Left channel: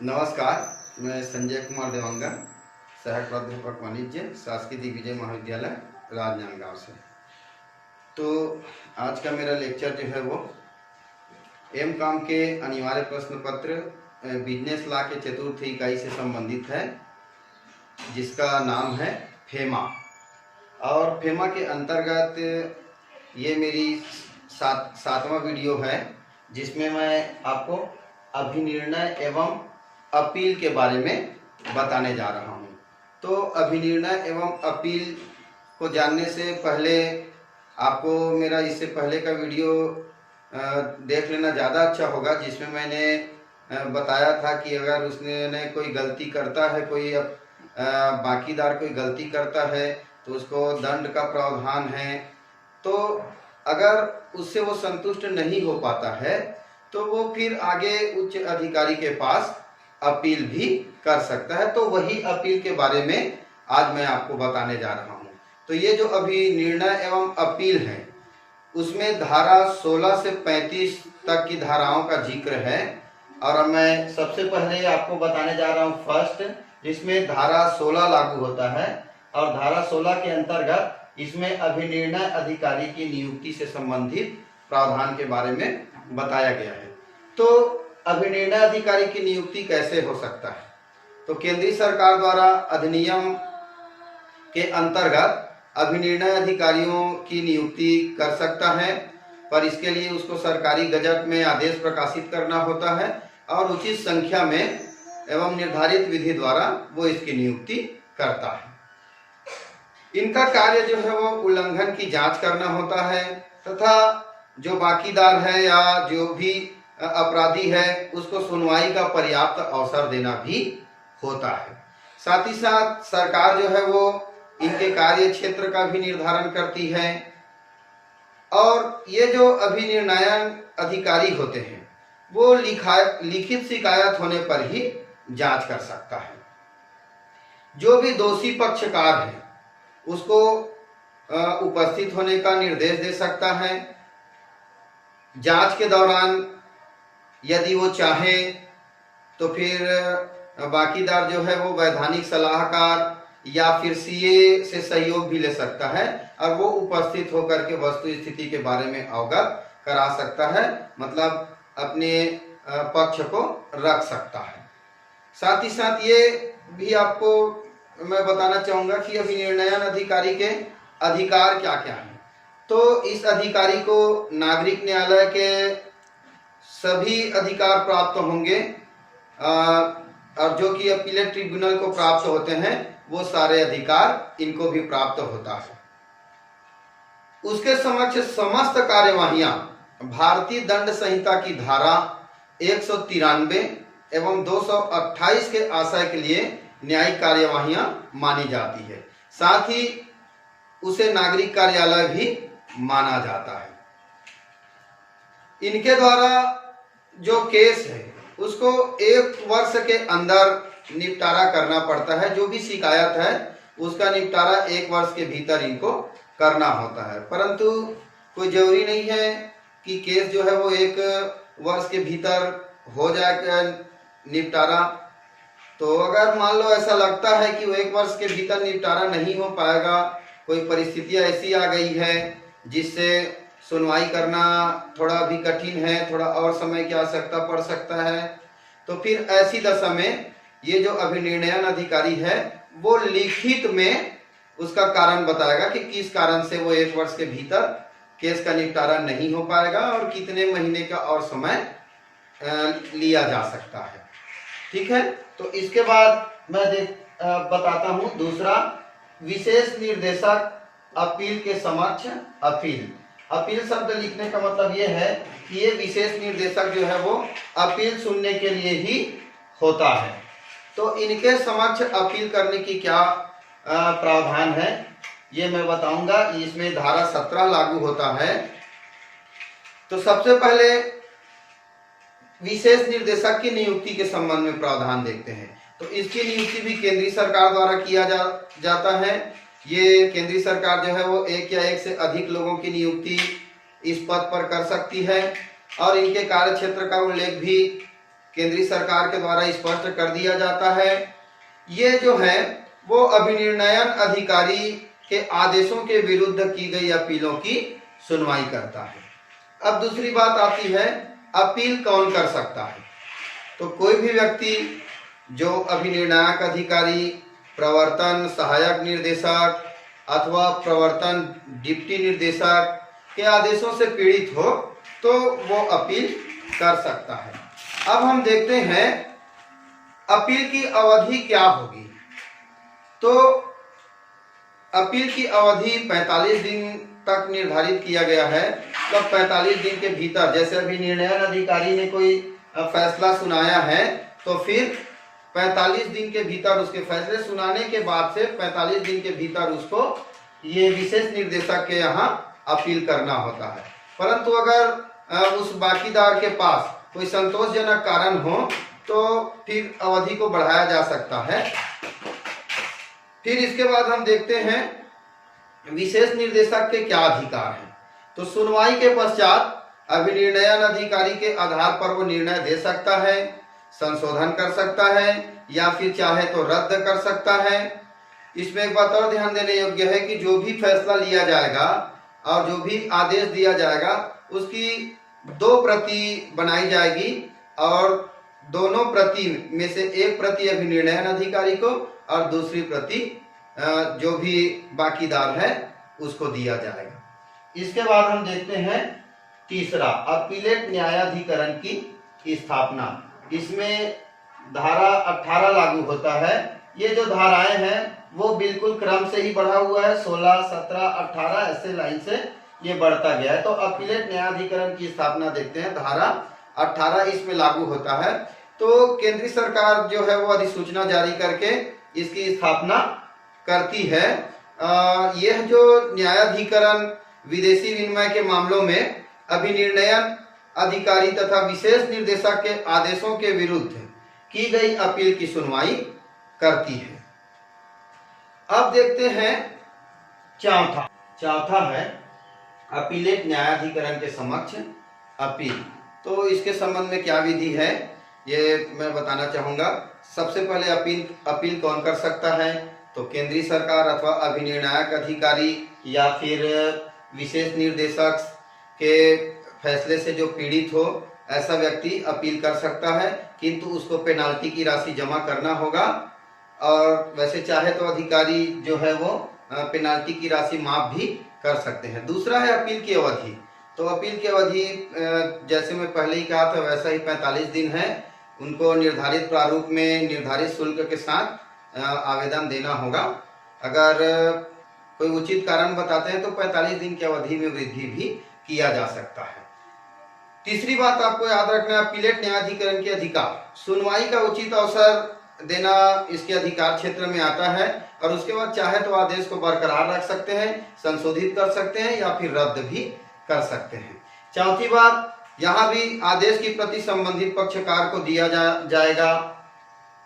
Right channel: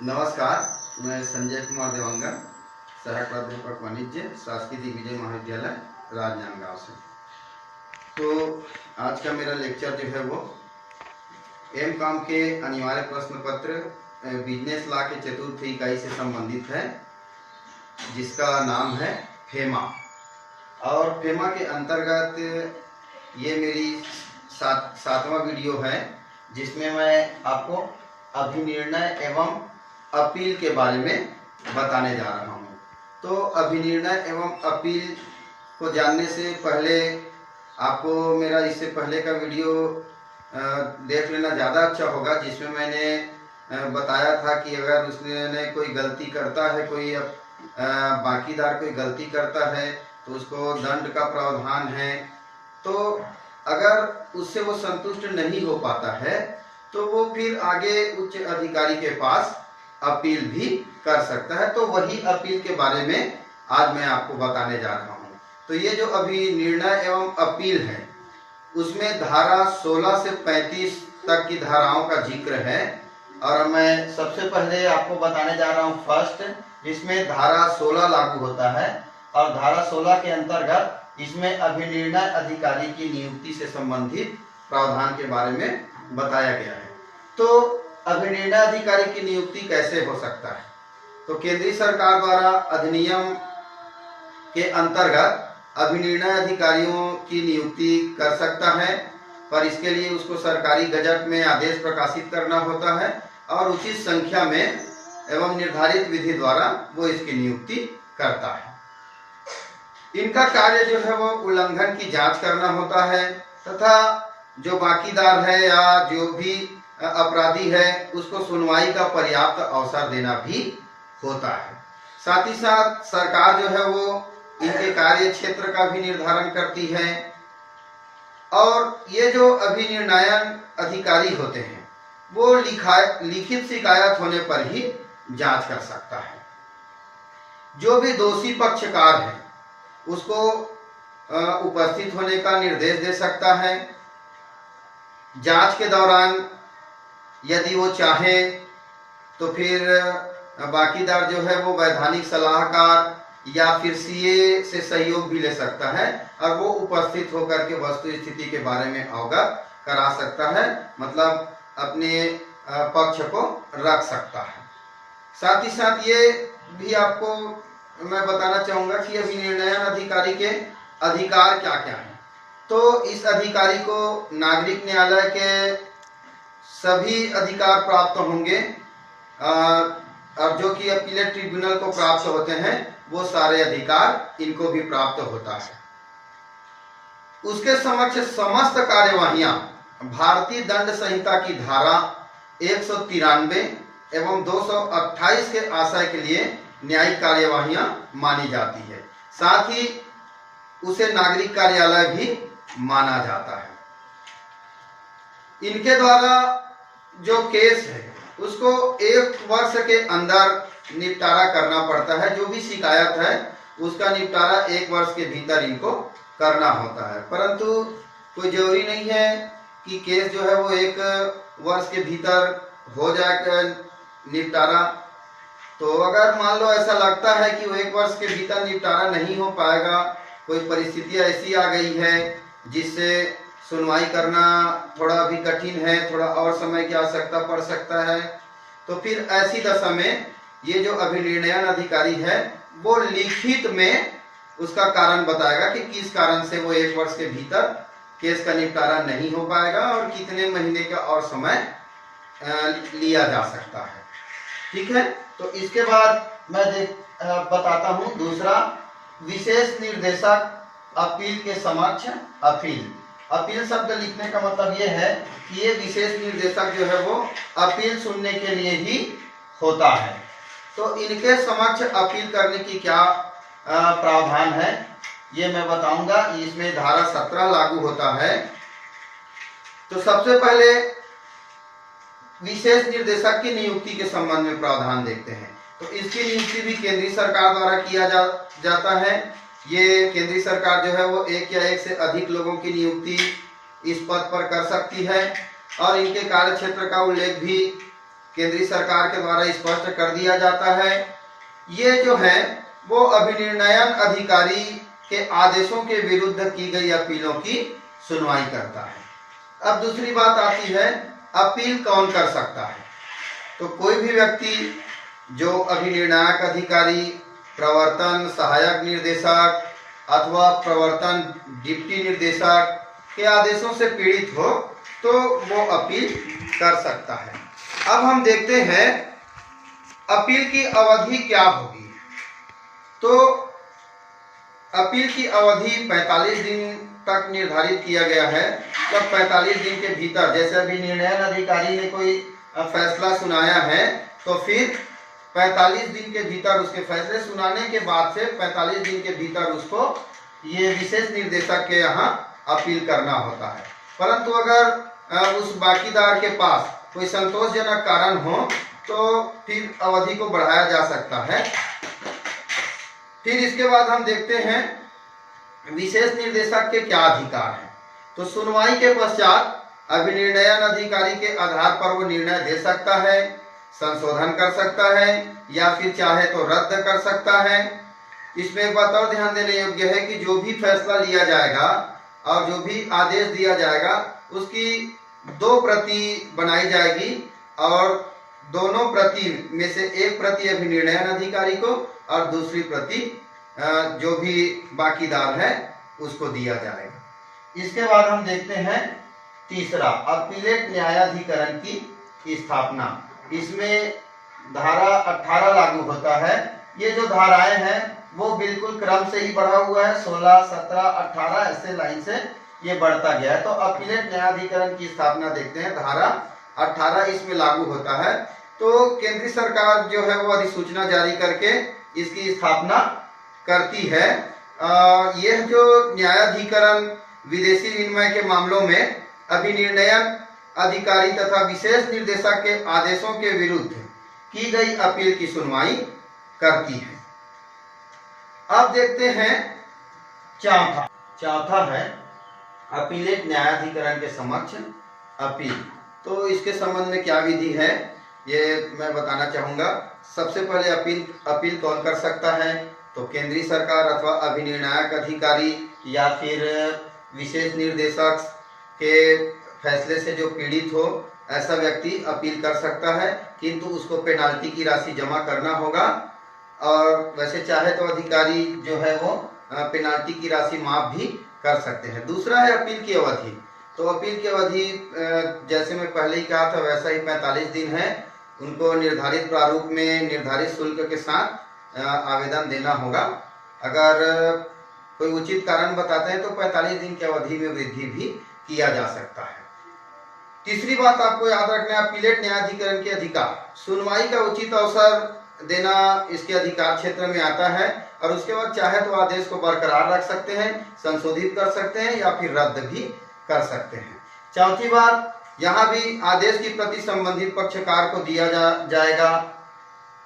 नमस्कार, मैं संजय कुमार देवांगन, सहायक प्राध्यापक वाणिज्य, शासकीय दिग्विजय महाविद्यालय राजनांदगांव से। तो आज का मेरा लेक्चर जो है वो एम.कॉम के अनिवार्य प्रश्न पत्र बिजनेस लॉ के चतुर्थ इकाई से संबंधित है, जिसका नाम है फेमा। और फेमा के अंतर्गत ये मेरी सातवां वीडियो है, जिसमें मैं आपको अभिनिर्णय एवं अपील के बारे में बताने जा रहा हूँ। तो अभिनिर्णय एवं अपील को जानने से पहले आपको मेरा इससे पहले का वीडियो देख लेना ज़्यादा अच्छा होगा, जिसमें मैंने बताया था कि अगर उसने कोई गलती करता है, कोई बाकीदार कोई गलती करता है तो उसको दंड का प्रावधान है। तो अगर उससे वो संतुष्ट नहीं हो पाता है तो वो फिर आगे उच्च अधिकारी के पास अपील भी कर सकता है। तो वही अपील के बारे में आज मैं आपको बताने जा रहा हूँ। तो ये जो अभिनिर्णय एवं अपील है, उसमें धारा 16 से 35 तक की धाराओं का जिक्र है। और मैं सबसे पहले आपको बताने जा रहा हूँ फर्स्ट, जिसमें धारा 16 लागू होता है। और धारा 16 के अंतर्गत इसमें अभिनिर्णय अधिकारी की नियुक्ति से संबंधित प्रावधान के बारे में बताया गया है। तो अभिनिर्णय अधिकारी की नियुक्ति कैसे हो सकता है? तो केंद्रीय सरकार द्वारा अधिनियम के अंतर्गत अभिनिर्णय अधिकारियों की नियुक्ति कर सकता है, पर इसके लिए उसको सरकारी गजट में आदेश प्रकाशित करना होता है और उचित संख्या में एवं निर्धारित विधि द्वारा वो इसकी नियुक्ति करता है। इनका कार्य जो है वो उल्लंघन की जांच करना होता है तथा जो बाकीदार है या जो भी अपराधी है उसको सुनवाई का पर्याप्त अवसर देना भी होता है। साथ ही साथ सरकार जो है वो इनके कार्य क्षेत्र का भी निर्धारण करती है। और ये जो अभिनिर्णयन अधिकारी होते हैं वो लिखित शिकायत होने पर ही जांच कर सकता है। जो भी दोषी पक्षकार है उसको उपस्थित होने का निर्देश दे सकता है। जांच के दौरान यदि वो चाहे तो फिर बाकीदार जो है वो वैधानिक सलाहकार या फिर सीए से सहयोग भी ले सकता है और वो उपस्थित होकर के वस्तु स्थिति के बारे में अवगत करा सकता है, मतलब अपने पक्ष को रख सकता है। साथ ही साथ ये भी आपको मैं बताना चाहूंगा कि अभिनिर्णयन अधिकारी के अधिकार क्या क्या हैं। तो इस अधिकारी को नागरिक न्यायालय के सभी अधिकार प्राप्त होंगे और जो कि अपीलेट ट्रिब्यूनल को प्राप्त होते हैं वो सारे अधिकार इनको भी प्राप्त होता है। उसके समक्ष समस्त कार्यवाहियां भारतीय दंड संहिता की धारा 193 एवं 228 के आशय के लिए न्यायिक कार्यवाहियां मानी जाती है। साथ ही उसे नागरिक कार्यालय भी माना जाता है। इनके द्वारा जो केस है उसको 1 वर्ष के अंदर निपटारा करना पड़ता है। जो भी शिकायत है उसका निपटारा 1 वर्ष के भीतर इनको करना होता है, परंतु कोई जरूरी नहीं है कि केस जो है वो 1 वर्ष के भीतर हो जाए निपटारा। तो अगर मान लो ऐसा लगता है कि वो 1 वर्ष के भीतर निपटारा नहीं हो पाएगा, कोई परिस्थितियां ऐसी आ गई है जिससे सुनवाई करना थोड़ा भी कठिन है, थोड़ा और समय की आवश्यकता पड़ सकता है, तो फिर ऐसी दशा में ये जो अभिनिर्णयन अधिकारी है वो लिखित में उसका कारण बताएगा कि किस कारण से वो 1 वर्ष के भीतर केस का निपटारा नहीं हो पाएगा और कितने महीने का और समय लिया जा सकता है। ठीक है, तो इसके बाद मैं बताता हूं दूसरा, विशेष निर्देशक अपील के समक्ष अपील। अपील शब्द लिखने का मतलब ये है कि ये विशेष निर्देशक जो है वो अपील सुनने के लिए ही होता है। तो इनके समक्ष अपील करने की क्या प्रावधान है ये मैं बताऊंगा। इसमें धारा 17 लागू होता है। तो सबसे पहले विशेष निर्देशक की नियुक्ति के संबंध में प्रावधान देखते हैं। तो इसकी नियुक्ति भी केंद्रीय सरकार द्वारा किया जाता है। ये केंद्रीय सरकार जो है वो 1 या 1 से अधिक लोगों की नियुक्ति इस पद पर कर सकती है और इनके कार्य क्षेत्र का उल्लेख भी केंद्रीय सरकार के द्वारा स्पष्ट कर दिया जाता है। ये जो है वो अभिनिर्णयन अधिकारी के आदेशों के विरुद्ध की गई अपीलों की सुनवाई करता है। अब दूसरी बात आती है, अपील कौन कर सकता है। तो कोई भी व्यक्ति जो अभिनिर्णायक अधिकारी, प्रवर्तन सहायक निर्देशक अथवा प्रवर्तन डिप्टी निर्देशक के आदेशों से पीड़ित हो तो वो अपील कर सकता है। अब हम देखते हैं अपील की अवधि क्या होगी। तो अपील की अवधि 45 दिन तक निर्धारित किया गया है। जब 45 दिन के भीतर, जैसे अभी निर्णयन अधिकारी ने कोई फैसला सुनाया है तो फिर 45 दिन के भीतर, उसके फैसले सुनाने के बाद से 45 दिन के भीतर उसको ये विशेष निर्देशक के यहाँ अपील करना होता है। परंतु अगर उस बाकीदार के पास कोई संतोषजनक कारण हो तो फिर अवधि को बढ़ाया जा सकता है। फिर इसके बाद हम देखते हैं विशेष निर्देशक के क्या अधिकार हैं। तो सुनवाई के पश्चात अभिनिर्णयन अधिकारी के आधार पर वो निर्णय दे सकता है, संशोधन कर सकता है या फिर चाहे तो रद्द कर सकता है। इसमें एक बात और ध्यान देने योग्य है कि जो भी फैसला लिया जाएगा और जो भी आदेश दिया जाएगा उसकी 2 प्रति बनाई जाएगी और दोनों प्रति में से एक प्रति अभिनिर्णयन अधिकारी को और दूसरी प्रति जो भी बाकीदार है उसको दिया जाएगा। इसके बाद हम देखते हैं तीसरा, अपीलेट न्यायाधिकरण की स्थापना। इसमें धारा 18 लागू होता है। ये जो धाराएं हैं वो बिल्कुल क्रम से ही बढ़ा हुआ है, 16, 17, 18 ऐसे लाइन से ये बढ़ता गया है। तो अपीलेट न्यायाधिकरण की स्थापना देखते हैं, धारा 18 इसमें लागू होता है। तो केंद्रीय सरकार जो है वो अधिसूचना जारी करके इसकी स्थापना करती है। यह जो न्यायाधिकरण विदेशी विनिमय के मामलों में अभिनिर्णयन अधिकारी तथा विशेष निर्देशक के आदेशों के विरुद्ध की गई अपील की सुनवाई करती है। अब देखते हैं चौथा है अपीलेट न्यायाधिकरण के समक्ष अपील। तो इसके संबंध में क्या विधि है ये मैं बताना चाहूंगा। सबसे पहले अपील कौन कर सकता है। तो केंद्रीय सरकार अथवा अभिनिर्णायक अधिकारी या फिर विशेष निर्देशक के फैसले से जो पीड़ित हो ऐसा व्यक्ति अपील कर सकता है, किंतु उसको पेनाल्टी की राशि जमा करना होगा। और वैसे चाहे तो अधिकारी जो है वो पेनाल्टी की राशि माफ भी कर सकते हैं। दूसरा है अपील की अवधि। तो अपील की अवधि जैसे मैं पहले ही कहा था वैसा ही 45 दिन है। उनको निर्धारित प्रारूप में निर्धारित शुल्क के साथ आवेदन देना होगा। अगर कोई उचित कारण बताते हैं तो 45 दिन की अवधि में वृद्धि भी किया जा सकता है। तीसरी बात आपको याद रखना है, अपीलेट न्यायाधिकरण के अधिकार। सुनवाई का उचित अवसर देना इसके अधिकार क्षेत्र में आता है और उसके बाद चाहे तो आदेश को बरकरार रख सकते हैं, संशोधित कर सकते हैं या फिर रद्द भी कर सकते हैं। चौथी बात, यहाँ भी आदेश की प्रति संबंधित पक्षकार को दिया जाएगा।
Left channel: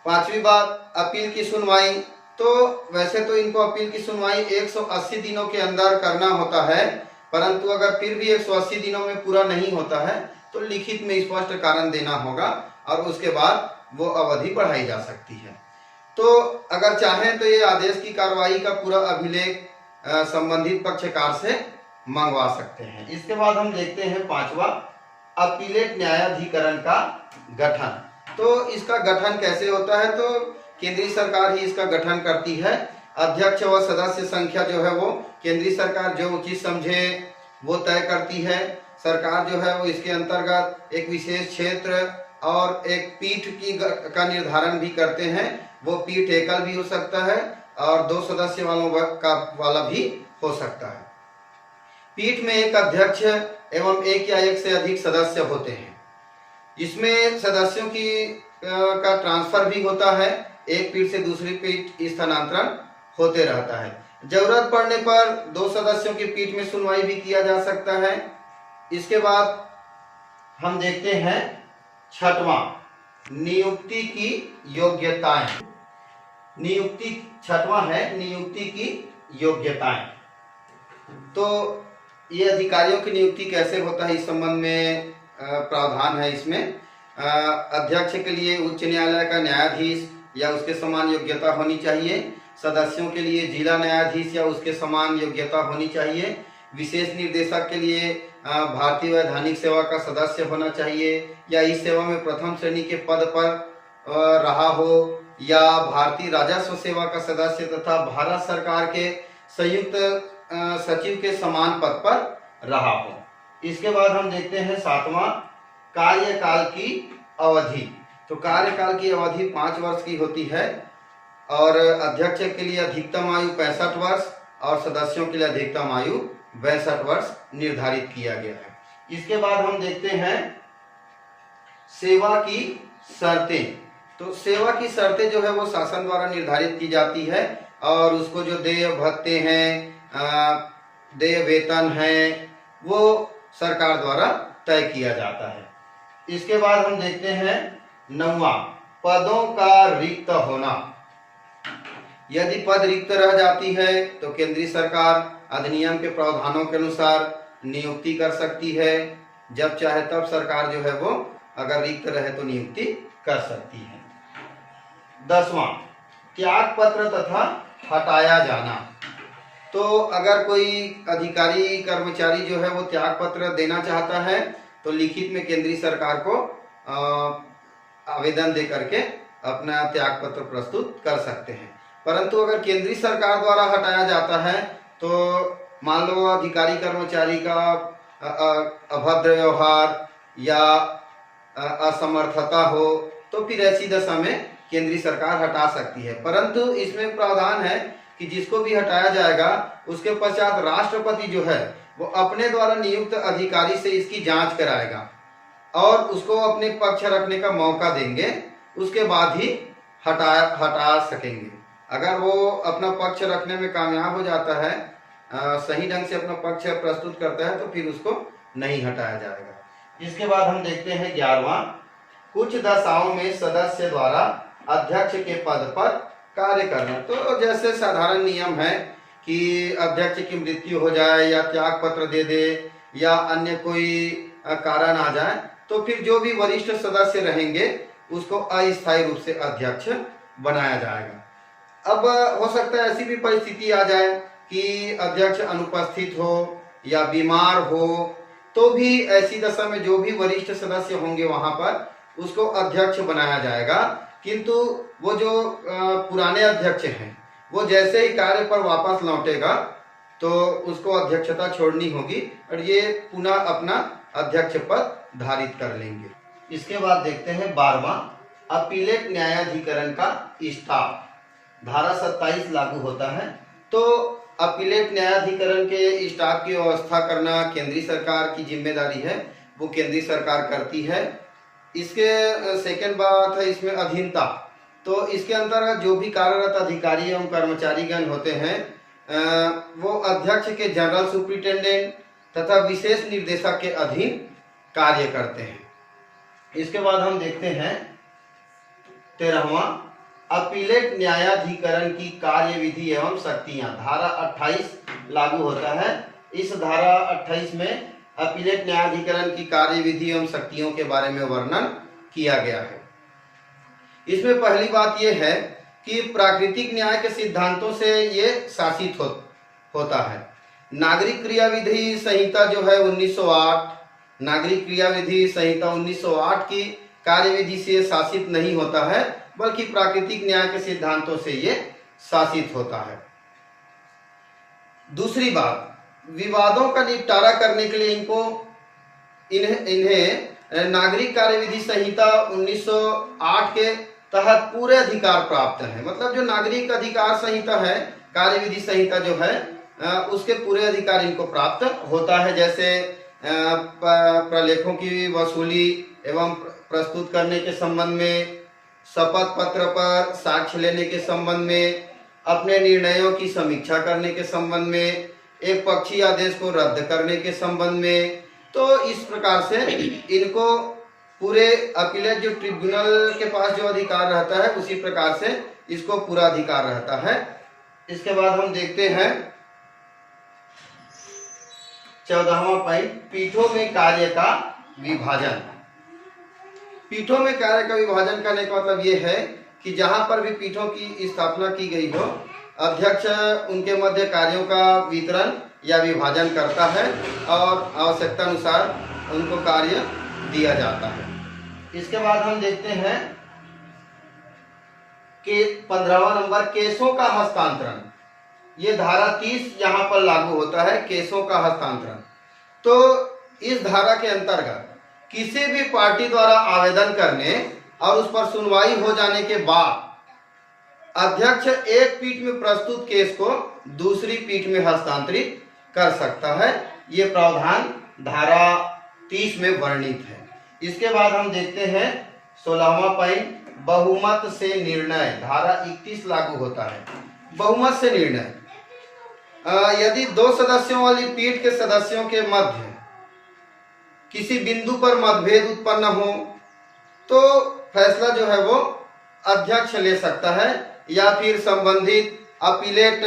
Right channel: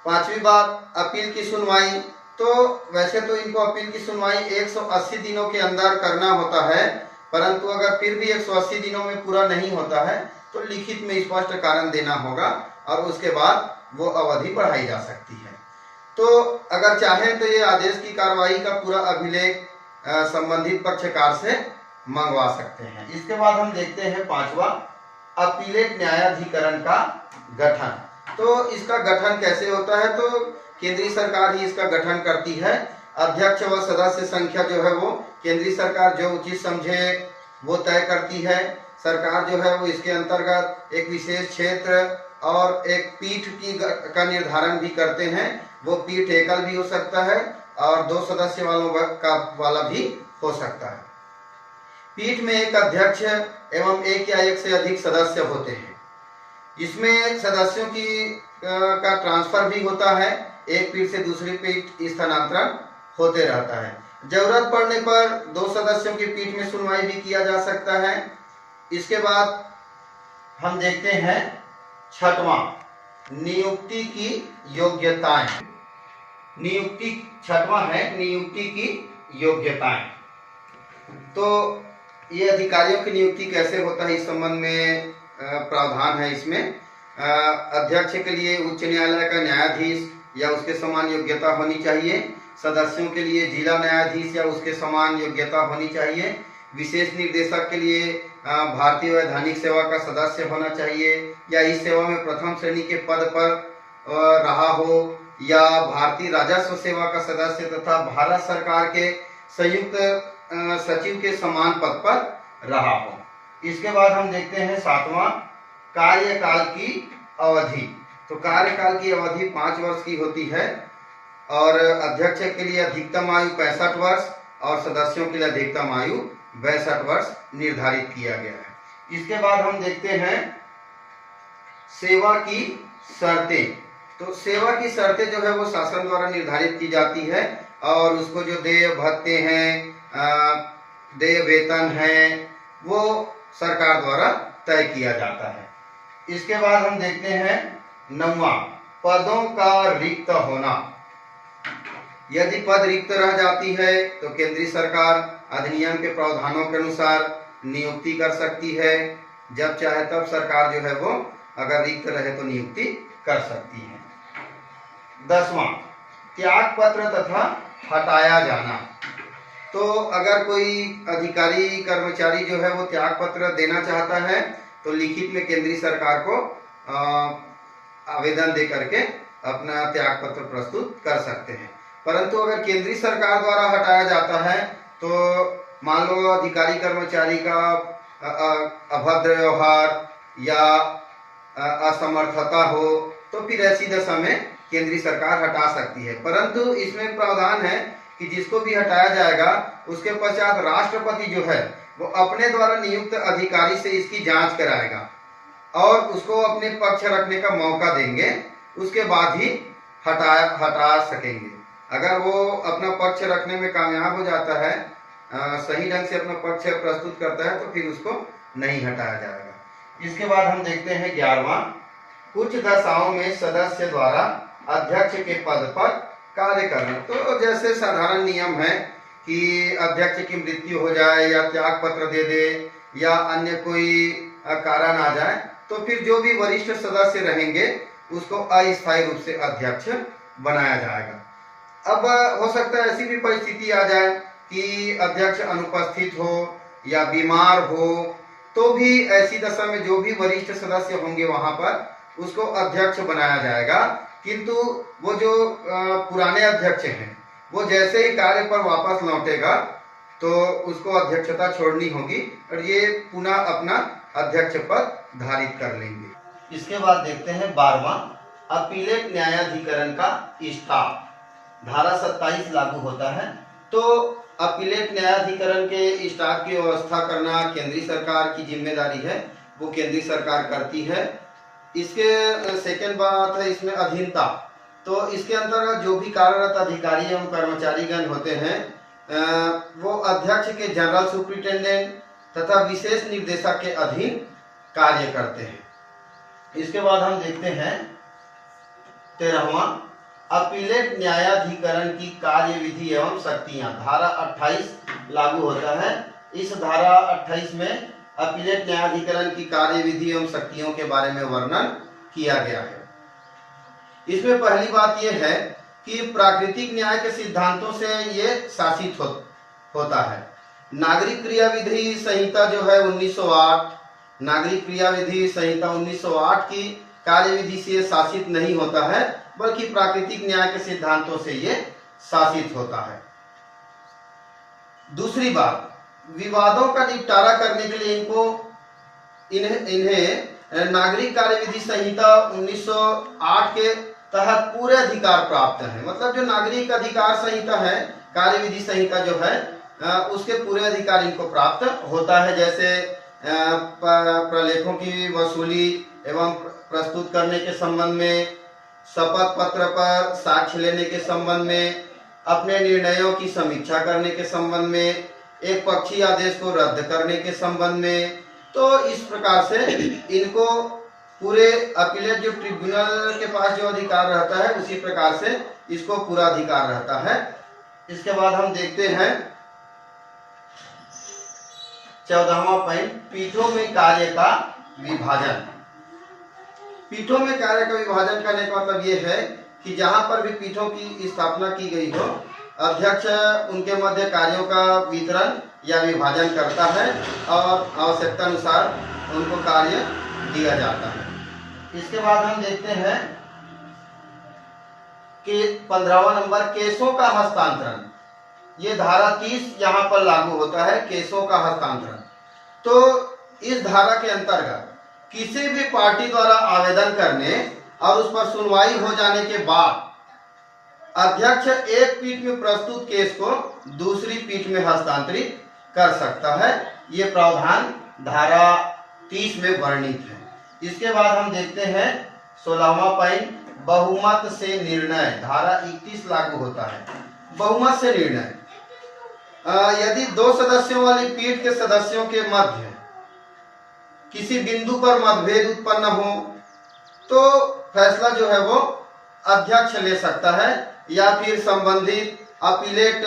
पांचवी बात, अपील की सुनवाई। तो वैसे तो इनको अपील की सुनवाई 180 दिनों के अंदर करना होता है, परंतु अगर फिर भी 180 दिनों में पूरा नहीं होता है तो लिखित में स्पष्ट कारण देना होगा और उसके बाद वो अवधि बढ़ाई जा सकती है। तो अगर चाहें तो ये आदेश की कार्रवाई का पूरा अभिलेख संबंधित पक्षकार से मंगवा सकते हैं। इसके बाद हम देखते हैं पांचवा, अपीलेट न्यायाधिकरण का गठन। तो इसका गठन कैसे होता है। तो केंद्रीय सरकार ही इसका गठन करती है। अध्यक्ष व सदस्य संख्या जो है वो केंद्रीय सरकार जो उचित समझे वो तय करती है। सरकार जो है वो इसके अंतर्गत एक विशेष क्षेत्र और एक पीठ का निर्धारण भी करते हैं। वो पीठ एकल भी हो सकता है और 2 सदस्य वाला भी हो सकता है। पीठ में एक अध्यक्ष एवं एक या एक से अधिक सदस्य होते हैं। इसमें सदस्यों का ट्रांसफर भी होता है, एक पीठ से दूसरी पीठ स्थानांतरण होते रहता है। जरूरत पड़ने पर 2 सदस्यों की पीठ में सुनवाई भी किया जा सकता है। इसके बाद हम देखते हैं छठवां, नियुक्ति की योग्यताएं। छठवां है नियुक्ति की योग्यताएं। तो ये अधिकारियों की नियुक्ति कैसे होता है इस संबंध में प्रावधान है इसमें। अध्यक्ष के लिए उच्च न्यायालय का न्यायाधीश या उसके समान योग्यता होनी चाहिए। सदस्यों के लिए जिला न्यायाधीश या उसके समान योग्यता होनी चाहिए। विशेष निर्देशक के लिए भारतीय वैधानिक सेवा का सदस्य होना चाहिए या इस सेवा में प्रथम श्रेणी के पद पर रहा हो, या भारतीय राजस्व सेवा का सदस्य तथा भारत सरकार के संयुक्त सचिव के समान पद पर रहा हो। इसके बाद हम देखते हैं 7वां, कार्यकाल की अवधि। तो कार्यकाल की अवधि 5 वर्ष की होती है और अध्यक्ष के लिए अधिकतम आयु 65 वर्ष और सदस्यों के लिए अधिकतम आयु 62 वर्ष निर्धारित किया गया है। इसके बाद हम देखते हैं सेवा की शर्तें। तो सेवा की शर्तें जो है वो शासन द्वारा निर्धारित की जाती है और उसको जो देय भत्ते हैं, देय वेतन है, वो सरकार द्वारा तय किया जाता है। इसके बाद हम देखते हैं 9वां, पदों का रिक्त होना। यदि पद रिक्त रह जाती है तो केंद्रीय सरकार अधिनियम के प्रावधानों के अनुसार नियुक्ति कर सकती है। जब चाहे तब सरकार जो है वो अगर रिक्त रहे तो नियुक्ति कर सकती है। 10वां, त्याग पत्र तथा हटाया जाना। तो अगर कोई अधिकारी कर्मचारी जो है वो त्याग पत्र देना चाहता है तो लिखित में केंद्रीय सरकार को आवेदन दे करके अपना त्याग पत्र प्रस्तुत कर सकते हैं। परंतु अगर केंद्रीय सरकार द्वारा हटाया जाता है तो मान लो अधिकारी कर्मचारी का अभद्र व्यवहार या असमर्थता हो तो फिर ऐसी दशा में केंद्रीय सरकार हटा सकती है। परंतु इसमें प्रावधान है कि जिसको भी हटाया जाएगा उसके पश्चात राष्ट्रपति जो है वो अपने द्वारा नियुक्त अधिकारी से इसकी जांच कराएगा और उसको अपने पक्ष रखने का मौका देंगे, उसके बाद ही हटा सकेंगे। अगर वो अपना पक्ष रखने में कामयाब हो जाता है, सही ढंग से अपना पक्ष प्रस्तुत करता है तो फिर उसको नहीं हटाया जाएगा। इसके बाद हम देखते हैं 11वां, कुछ दशाओं में सदस्य द्वारा अध्यक्ष के पद पर कार्य करना। तो जैसे साधारण नियम है कि अध्यक्ष की मृत्यु हो जाए या त्याग पत्र दे दे या अन्य कोई कारण आ जाए तो फिर जो भी वरिष्ठ सदस्य रहेंगे उसको अस्थायी रूप से अध्यक्ष बनाया जाएगा। अब हो सकता है ऐसी भी परिस्थिति आ जाए कि अध्यक्ष अनुपस्थित हो या बीमार हो, तो भी ऐसी दशा में जो भी वरिष्ठ सदस्य होंगे वहां पर उसको अध्यक्ष बनाया जाएगा। किंतु वो जो पुराने अध्यक्ष हैं वो जैसे ही कार्य पर वापस लौटेगा तो उसको अध्यक्षता छोड़नी होगी और ये पुनः अपना अध्यक्ष पद धारित कर लेंगे। इसके बाद देखते हैं 12वां, अपीलेट न्यायाधिकरण का स्टाफ। धारा 27 लागू होता है। तो अपीलेट न्यायाधिकरण के स्टाफ की व्यवस्था करना केंद्रीय सरकार की जिम्मेदारी है, वो केंद्रीय सरकार करती है। इसके सेकंड बात है इसमें अधीनता। तो इसके अंतर्गत जो भी कार्यरत अधिकारी एवं कर्मचारीगण होते हैं वो अध्यक्ष के जनरल सुपरिटेंडेंट तथा विशेष निर्देशक के अधीन कार्य करते हैं। इसके बाद हम देखते हैं 13वां, अपीलेट न्यायाधिकरण की कार्यविधि एवं शक्तियां। धारा 28 लागू होता है। इस धारा 28 में अपीलेट न्यायाधिकरण की कार्यविधि एवं शक्तियों के बारे में वर्णन किया गया है। इसमें पहली बात यह है कि प्राकृतिक न्याय के सिद्धांतों से ये शासित होता है। नागरिक क्रियाविधि संहिता जो है 1908, नागरिक क्रियाविधि संहिता 1908 की कार्यविधि से शासित नहीं होता है, बल्कि प्राकृतिक न्याय के सिद्धांतों से ये शासित होता है। दूसरी बात, विवादों का निपटारा करने के लिए इन्हें नागरिक कार्यविधि संहिता 1908 के तहत पूरे अधिकार प्राप्त हैं। मतलब जो नागरिक अधिकार संहिता है, कार्यविधि संहिता जो है, उसके पूरे अधिकार इनको प्राप्त होता है। जैसे प्रलेखों की वसूली एवं प्रस्तुत करने के संबंध में, शपथ पत्र पर साक्ष्य लेने के संबंध में, अपने निर्णयों की समीक्षा करने के संबंध में, एक पक्षीय आदेश को रद्द करने के संबंध में। तो इस प्रकार से इनको पूरे अपीलेट जो ट्रिब्यूनल के पास जो अधिकार रहता है उसी प्रकार से इसको पूरा अधिकार रहता है। इसके बाद हम देखते हैं 14वां पॉइंट, पीठों में कार्य का विभाजन। पीठों में कार्य का विभाजन करने का मतलब ये है कि जहां पर भी पीठों की स्थापना की गई हो, अध्यक्ष उनके मध्य कार्यों का वितरण या विभाजन करता है और आवश्यकता अनुसार उनको कार्य दिया जाता है। इसके बाद हम देखते हैं कि 15वां नंबर केसों का हस्तांतरण। ये धारा 30 यहाँ पर लागू होता है, केसों का हस्तांतरण। तो इस धारा के अंतर्गत किसी भी पार्टी द्वारा आवेदन करने और उस पर सुनवाई हो जाने के बाद अध्यक्ष एक पीठ में प्रस्तुत केस को दूसरी पीठ में हस्तांतरित कर सकता है। ये प्रावधान धारा 30 में वर्णित है। इसके बाद हम देखते हैं 16वां पॉइंट, बहुमत से निर्णय। धारा 31 लागू होता है। बहुमत से निर्णय, यदि 2 सदस्यों वाली पीठ के सदस्यों के मध्य किसी बिंदु पर मतभेद उत्पन्न हो तो फैसला जो है वो अध्यक्ष ले सकता है या फिर संबंधित अपीलेट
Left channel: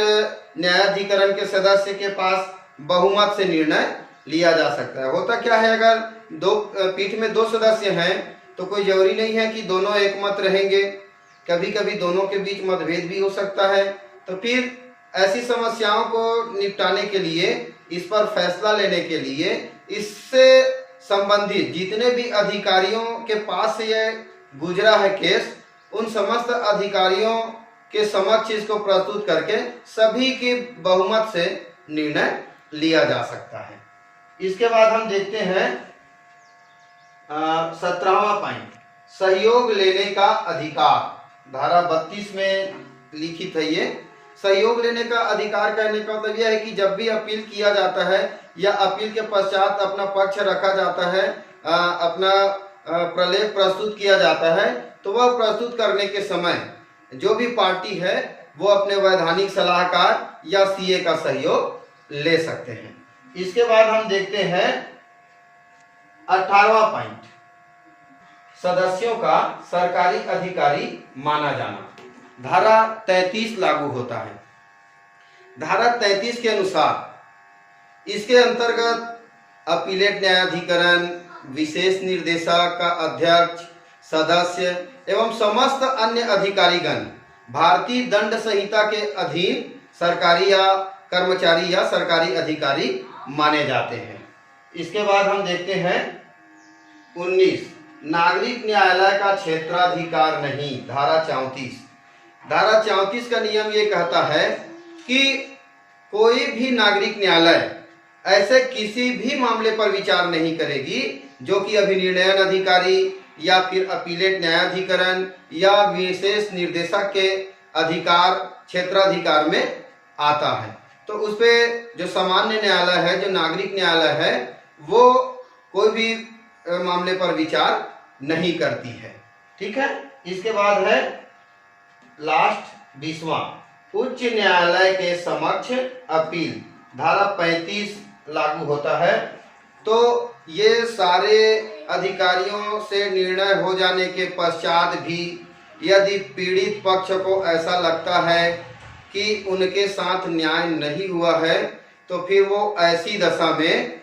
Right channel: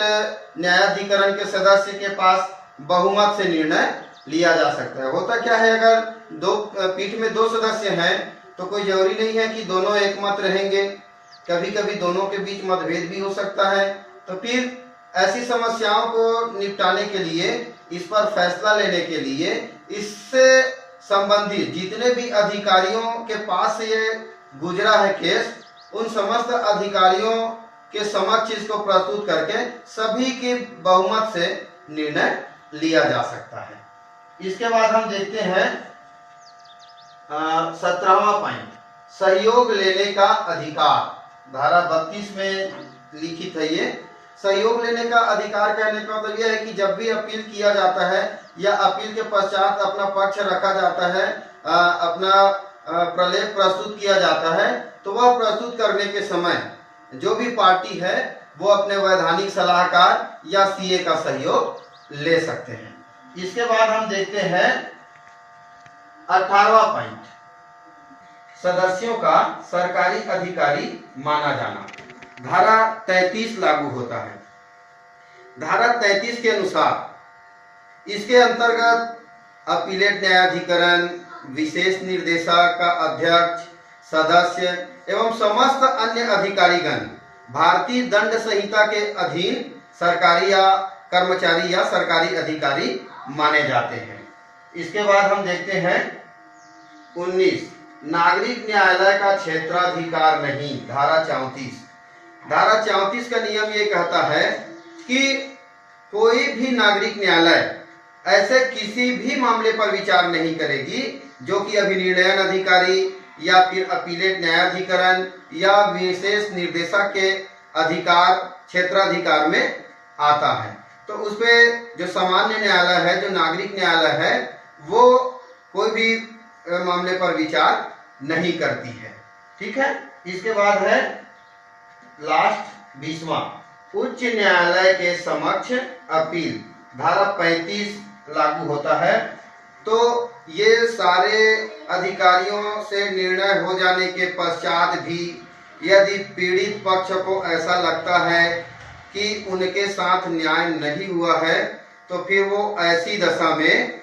न्यायाधिकरण के सदस्य के पास बहुमत से निर्णय लिया जा सकता है। होता क्या है, अगर पीठ में 2 सदस्य हैं तो कोई जरूरी नहीं है कि दोनों एकमत रहेंगे, कभी कभी दोनों के बीच मतभेद भी हो सकता है। तो फिर ऐसी समस्याओं को निपटाने के लिए, इस पर फैसला लेने के लिए, इससे संबंधित जितने भी अधिकारियों के पास से ये गुजरा है केस, उन समस्त अधिकारियों के समक्ष इसको प्रस्तुत करके सभी के बहुमत से निर्णय लिया जा सकता है। इसके बाद हम देखते हैं 17वां पॉइंट, सहयोग लेने का अधिकार। धारा 32 में लिखित है ये। सहयोग लेने का अधिकार कहने का मतलब यह है कि जब भी अपील किया जाता है या अपील के पश्चात अपना पक्ष रखा जाता है, अपना प्रलेख प्रस्तुत किया जाता है, तो वह प्रस्तुत करने के समय जो भी पार्टी है वो अपने वैधानिक सलाहकार या सीए का सहयोग ले सकते हैं। इसके बाद हम देखते हैं 18वां पॉइंट, सदस्यों का सरकारी अधिकारी माना जाना। धारा 33 लागू होता है। धारा 33 के अनुसार इसके अंतर्गत अपीलेट न्यायाधिकरण, विशेष निर्देशक का अध्यक्ष, सदस्य एवं समस्त अन्य अधिकारीगण भारतीय दंड संहिता के अधीन सरकारी या कर्मचारी या सरकारी अधिकारी माने जाते हैं। इसके बाद हम देखते हैं 19, नागरिक न्यायालय का क्षेत्राधिकार नहीं। धारा 34। धारा 34 का नियम ये कहता है कि कोई भी नागरिक न्यायालय ऐसे किसी भी मामले पर विचार नहीं करेगी जो कि अभिनिर्णयन अधिकारी या फिर अपीलेट न्यायाधिकरण या विशेष निर्देशक के अधिकार क्षेत्राधिकार में आता है। तो उसपे जो सामान्य न्यायालय है, जो नागरिक न्यायालय है, वो कोई भी मामले पर विचार नहीं करती है। ठीक है। इसके बाद है लास्ट 20वां, उच्च न्यायालय के समक्ष अपील। धारा 35 लागू होता है। तो ये सारे अधिकारियों से निर्णय हो जाने के पश्चात भी यदि पीड़ित पक्ष को ऐसा लगता है कि उनके साथ न्याय नहीं हुआ है तो फिर वो ऐसी दशा में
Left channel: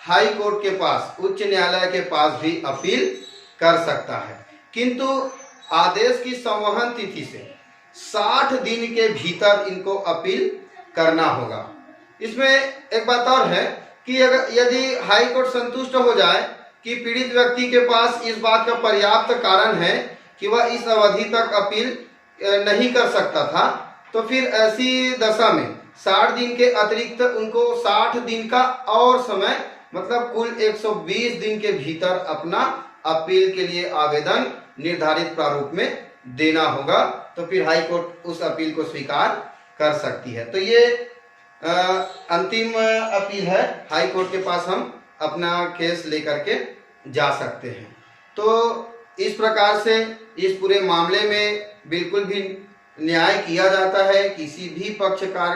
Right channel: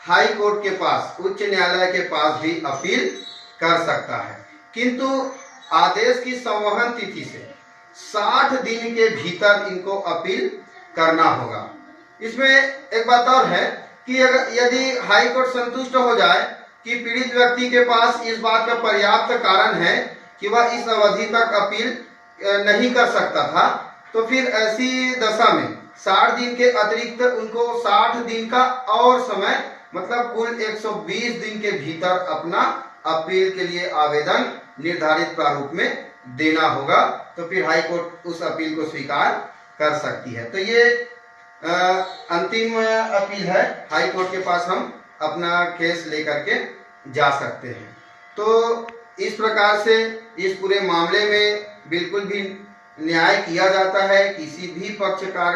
हाई कोर्ट के पास, उच्च न्यायालय के पास भी अपील कर सकता है। किंतु आदेश की संवहन तिथि से 60 दिन के भीतर इनको अपील करना होगा। इसमें एक बात और है कि अगर यदि हाई कोर्ट संतुष्ट हो जाए कि पीड़ित व्यक्ति के पास इस बात का पर्याप्त कारण है कि वह इस अवधि तक अपील नहीं कर सकता था, तो फिर ऐसी दशा में 60 दिन के अतिरिक्त उनको 60 दिन का और समय, मतलब कुल 120 दिन के भीतर अपना अपील के लिए आवेदन निर्धारित प्रारूप में देना होगा। तो फिर हाई कोर्ट उस अपील को स्वीकार कर सकती है। तो ये अंतिम अपील है। हाई कोर्ट के पास हम अपना केस लेकर के जा सकते हैं। तो इस प्रकार से इस पूरे मामले में बिल्कुल भी न्याय किया जाता है, किसी भी पक्षकार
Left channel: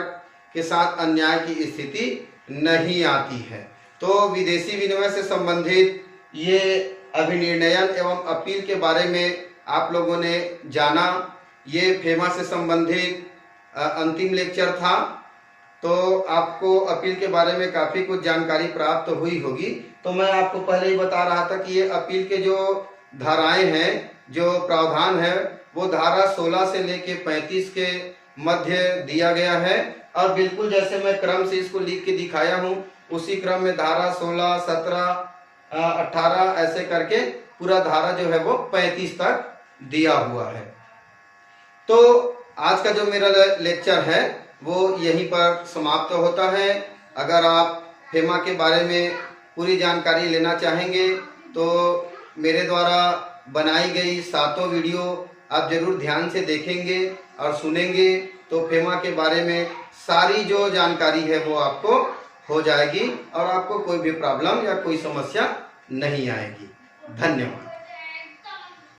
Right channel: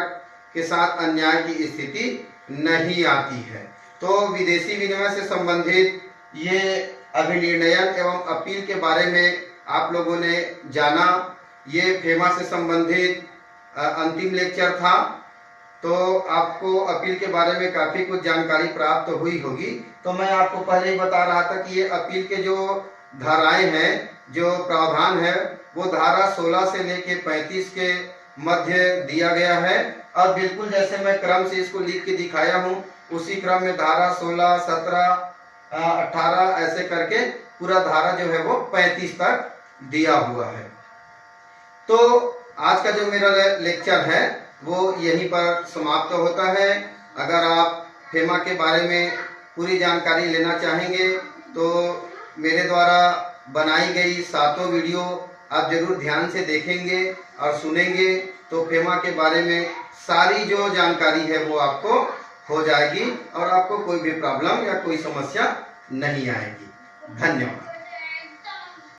के साथ अन्याय की स्थिति नहीं आती है। तो विदेशी विनिमय से संबंधित ये अभिनिर्णयन एवं अपील के बारे में आप लोगों ने जाना। ये फेमा से संबंधित अंतिम लेक्चर था। तो आपको अपील के बारे में काफ़ी कुछ जानकारी प्राप्त हुई होगी। तो मैं आपको पहले ही बता रहा था कि ये अपील के जो धाराएं हैं, जो प्रावधान है वो धारा 16 से लेके 35 के मध्य दिया गया है। अब बिल्कुल जैसे मैं क्रम से इसको लिख के दिखाया हूँ, उसी क्रम में धारा 16, 17, 18 ऐसे करके पूरा धारा जो है वो 35 तक दिया हुआ है। तो आज का जो मेरा लेक्चर है वो यहीं पर समाप्त होता है। अगर आप फेमा के बारे में पूरी जानकारी लेना चाहेंगे तो मेरे द्वारा बनाई गई 7 वीडियो आप जरूर ध्यान से देखेंगे और सुनेंगे, तो फेमा के बारे में सारी जो जानकारी है वो आपको हो जाएगी और आपको कोई भी प्रॉब्लम या कोई समस्या नहीं आएगी। धन्यवाद।